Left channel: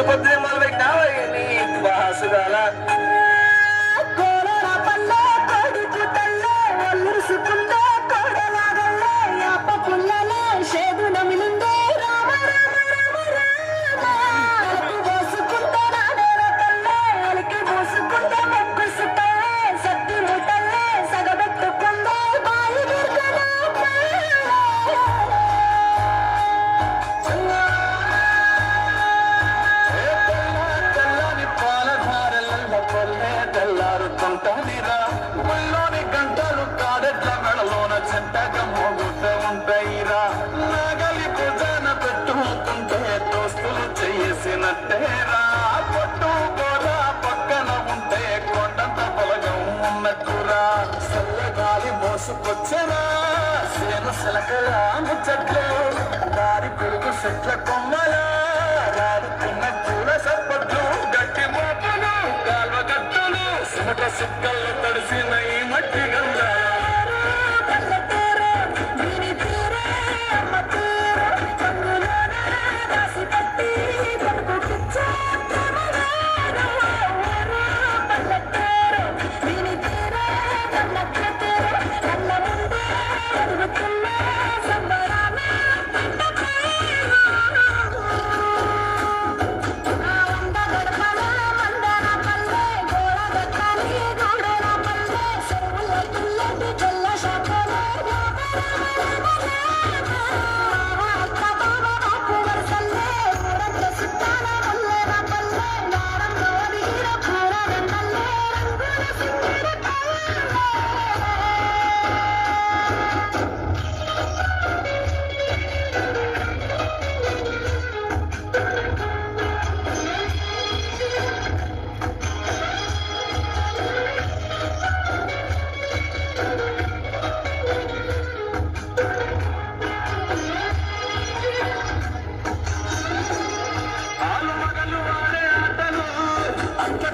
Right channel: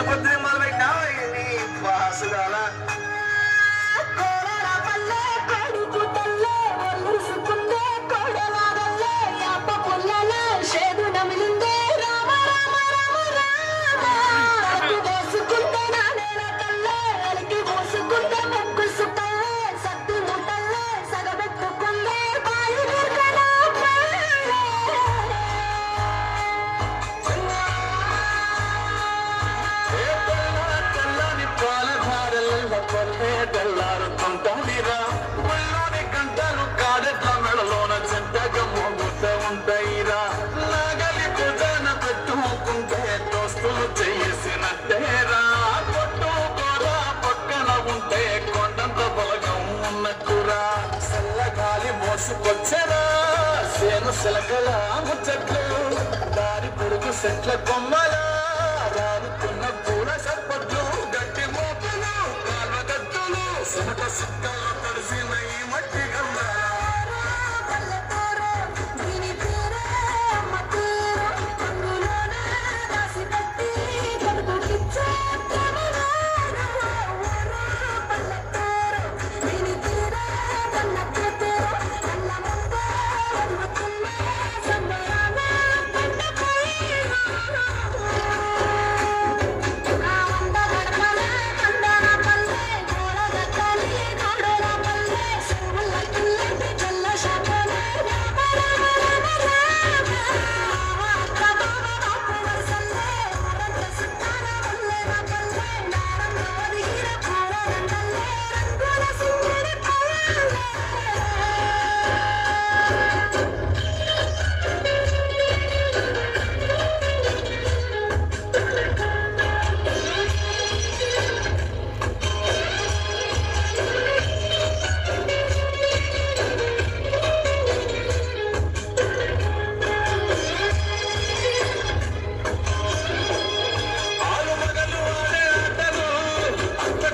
పొద్దునే మొదలు పెట్టినావా నీ వాసుగాల తెల్లారుతుంటాదిరా ఒళ్ళోని గంటలు కాడెట్ల మెడలోన చెంతగా మోగుతూ ఉంటాయిరా నాగలి భుజాన పెట్టుకుంటే దోస్తులు చేసినట్టేరా పొట్టు కూర పక్కన ఉంటే కొండంత బలగం ఉన్నట్టురా చల్లగాలి మోసుకొచ్చరా సేను శిలకల చెట్లు దారి పొడుగు చెట్ల కొమ్మల రారుతున్న పూల సప్పట్లు గట్టి మోపులు కాల్వ గట్టులు సుమట సుక్కల్లో తడిసిన ఈ మట్టి గంధాల ఆలు మగలు ఆడే ఆటలు అంత